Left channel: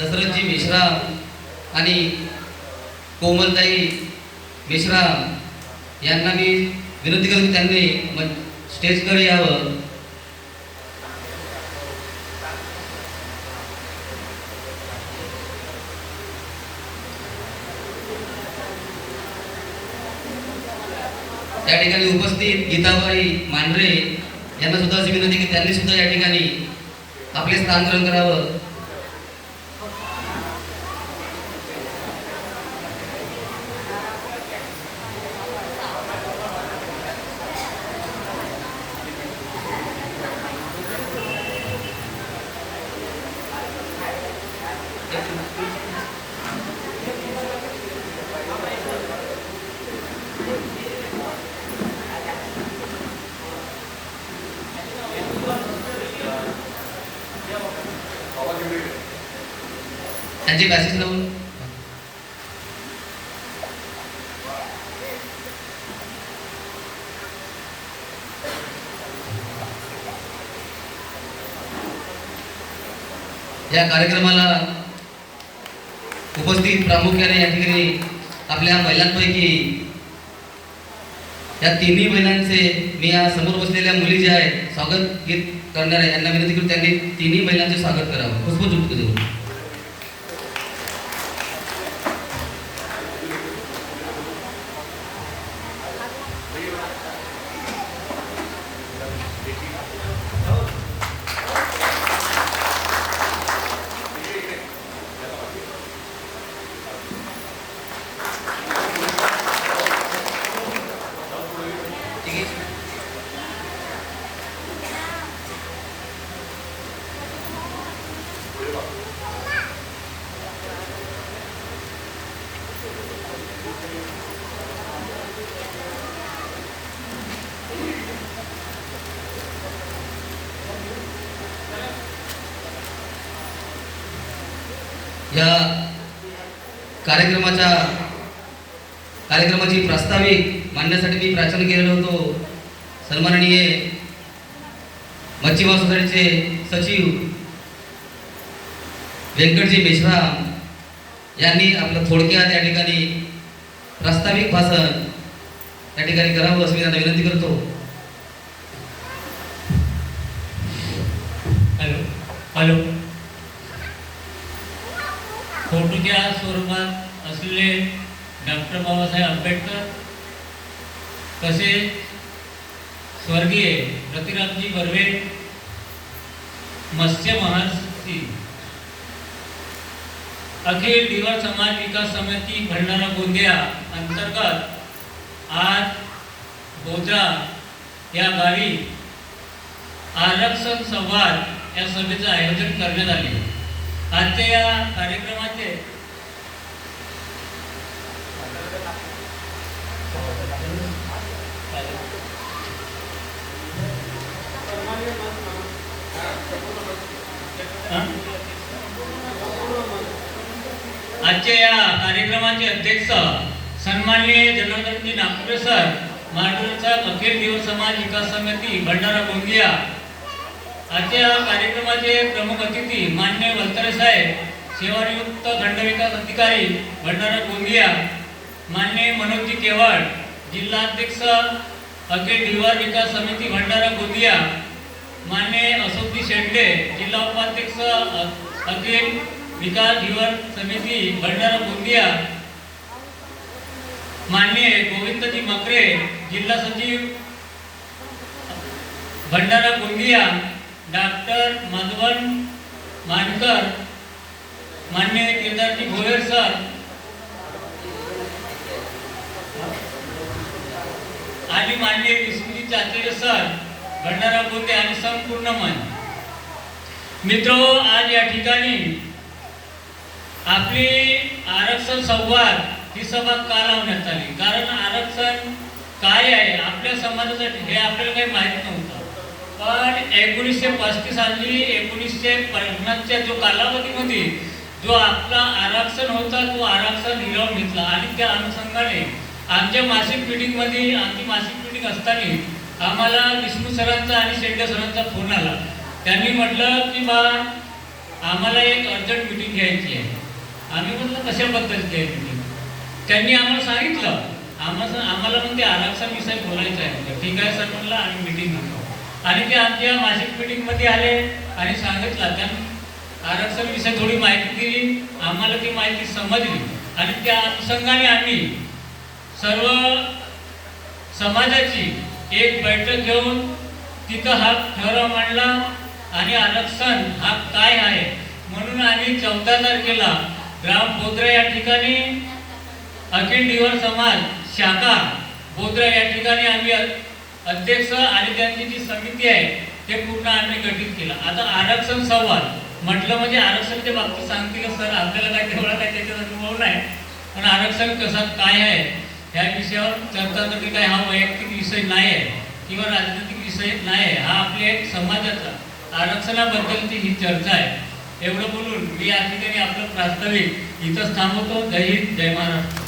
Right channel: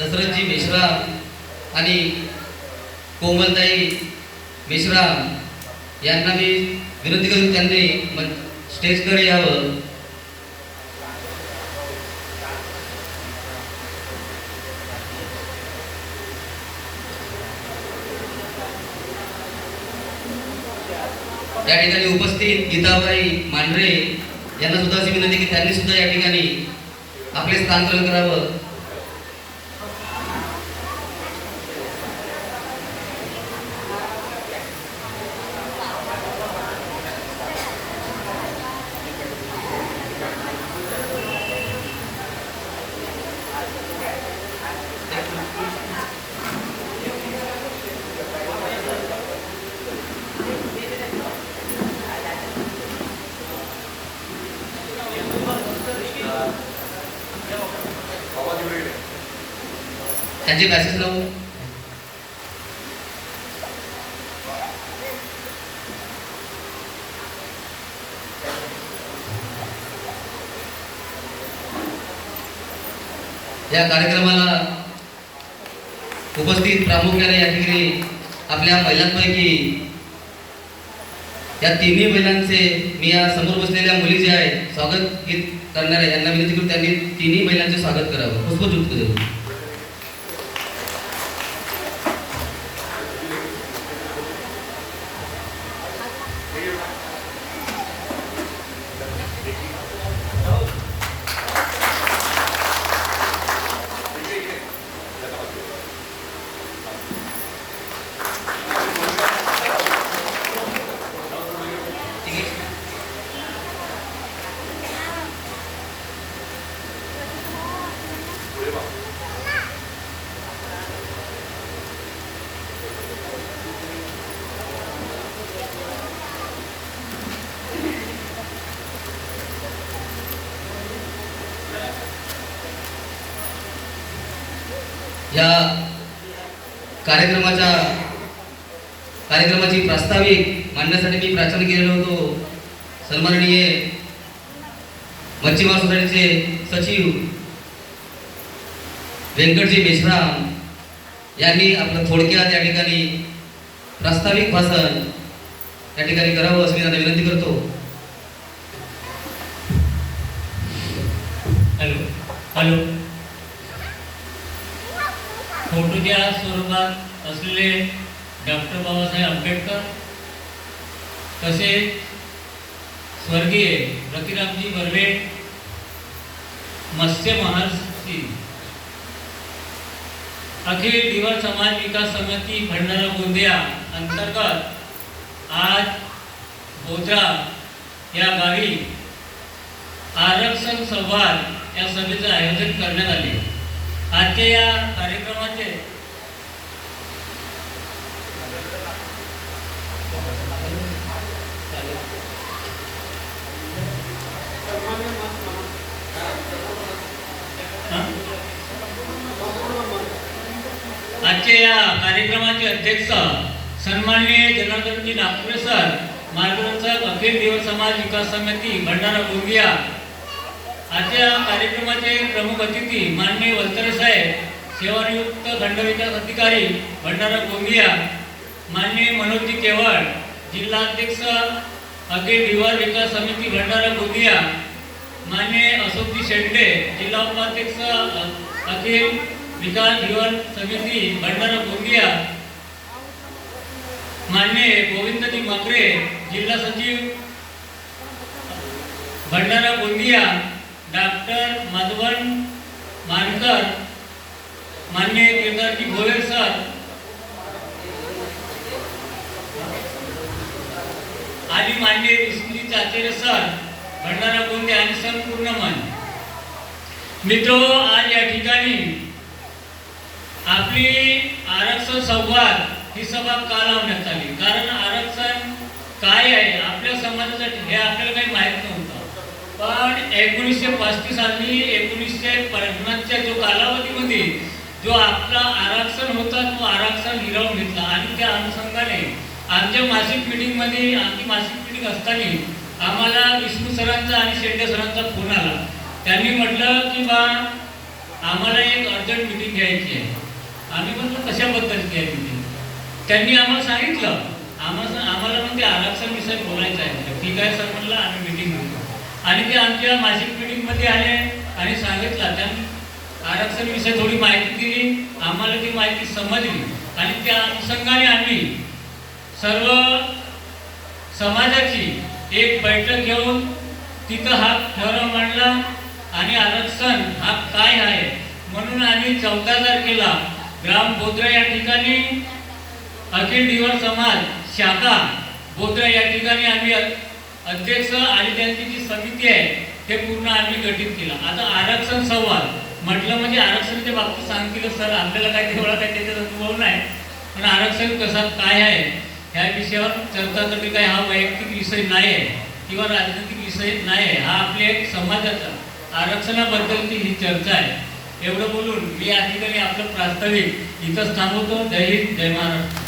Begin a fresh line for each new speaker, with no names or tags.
दशरथजी मेश्राम आणि कोमलताई मेश्राम यांना मी विनंती करून त्यांनी म- स्टेजकडे यावं. त्या ठिकाणी उपस्थित गीताबाई मांढरे यांना सुद्धा अशी विनंती की त्यांनी सुद्धा या ठिकाणी आपले स्थान ग्रहण करावं. त्यांचे पॅसेज लावून या कार्यक्रमाला उपस्थित प्रामुख्याने या ठिकाणी आपल्या महिलांपैकी या तिन्ही महिलांचे मी या समोर बसलेल्या मुली जे आहेत स्वागत गीत करणार आहे यांना विनंती करून त्यांनी तिन्ही महिलांचे स्वागत करावं. पुष्पचुक्त देऊ. या कार्यक्रमाच्या कार्यक्रमाची प्रास्ताविक मांडण्यासाठी मी प्राचन केलेलो होतो. सन्माननीय मच्छीमार सोसायटीचे सचिव व्यंकटजी मेश्राम यांनी आपलं थोडक्यात या ठिकाणी प्रास्ताविक भाषण या ठिकाणी करावं असं मी त्यांना विनंती करतो.
हॅलो. हॅलो. फोटोच्या स्वरूपात असलेले डॉक्टर बाबासाहेब आंबेडकर तसे स्वर्गीय रतिरामजी बर्वे मत्स्य महर्षी अखिल दिवा समाज विकास समिती भंडारा गोंदिया अंतर्गत आज बोद्रा या गावी आरक्षण संवाद या सभेचं आयोजन करण्यात आले. आजच्या या कार्यक्रमाचे आजच्या या कार्यक्रमाचे अध्यक्ष सन्माननीय जनार्दनजी नागपुरे सर मार्गदर्शक अखिल देव समाज विकास समिती भंडारा गोंदिया आजच्या कार्यक्रमाचे प्रमुख अतिथी मान्य वलतरे साहेब सेवानियुक्त दंडविकास अधिकारी भंडारा गोंदिया मान्य मनोजी केवळ जिल्हाध्यक्ष अखिल दिवार विकास समिती भंडारा गोंदिया मान्य अशोकजी शेंडे जिल्हा उपाध्यक्ष अखिल विकास दिवार समिती भंडारा गोंदिया मान्य गोविंदजी मकरे जिल्हा सचिव भंडारा गोंदिया डॉक्टर मधवन मानकर मान्य विद्यार्थी भोयर सर. आणि मान्य विष्णू चाचरे सर भंडारा बोलते आणि संपूर्ण मन. मित्रो आज या ठिकाणी आपली आरक्षण संवाद ही सभा का लावण्यात आली? कारण आरक्षण काय आहे? आपल्या समाजासाठी हे आपल्याला काही माहीत नव्हतं. पण एकोणीसशे पस्तीस साली एकोणीसशे पन्नासच्या जो कालावधीमध्ये जो आपला आरक्षण होता तो आरक्षण हिरावून घेतला. आणि त्या अनुषंगाने आमच्या मासिक मिटिंगमध्ये आमची मासिक मिटिंग असताना आम्हाला विष्णू सरांचा आणि शेंडे सरांचा फोन आला. त्यांनी म्हटलं की बा आम्हाला एक अर्जंट मिटिंग घ्यायची आहे. आम्ही म्हटलं कशाबद्दल घ्यायची त्यांनी आम्हाला सांगितलं. आम्हाला आम्हाला म्हणते आरक्षण विषय बोलायचं आहे. ठीक आहे सर म्हणलं आम्ही मिटिंग आणि ते आमच्या मासिक मिटिंगमध्ये आले आणि सांगितलं त्यांनी आरक्षणविषयी थोडी माहिती दिली आम्हाला ती माहिती समजली. आणि त्या अनुषंगाने आम्ही सर्व समाजाची एक बैठक घेऊन तिथं हा ठराव मांडला आणि आरक्षण हा काय आहे? म्हणून आम्ही चौदा तारखेला ग्राम बोद्रा या ठिकाणी अखिल दिवर समाज शाखा बोद्रा या ठिकाणी आम्ही अध्यक्ष आणि त्यांची जी समिती आहे ते पूर्ण आम्ही गठीत केलं. आता आरक्षण संवाद म्हटलं म्हणजे आरक्षणाच्या बाबतीत सांगतील सर आपल्याला काय तेवढा काय त्याच्यात अनुभव नाही. पण आरक्षण कसं काय आहे ह्या विषयावर चर्चा करणे काय हा वैयक्तिक विषय नाही आहे किंवा राजनैतिक विषय नाही आहे. हा आपली एक समाजाचा आरक्षणाबद्दलची ही चर्चा आहे. एवढं बोलून मी या ठिकाणी आपलं प्रास्ताविक इथंच थांबवतो. जय हिंद जय महाराष्ट्र.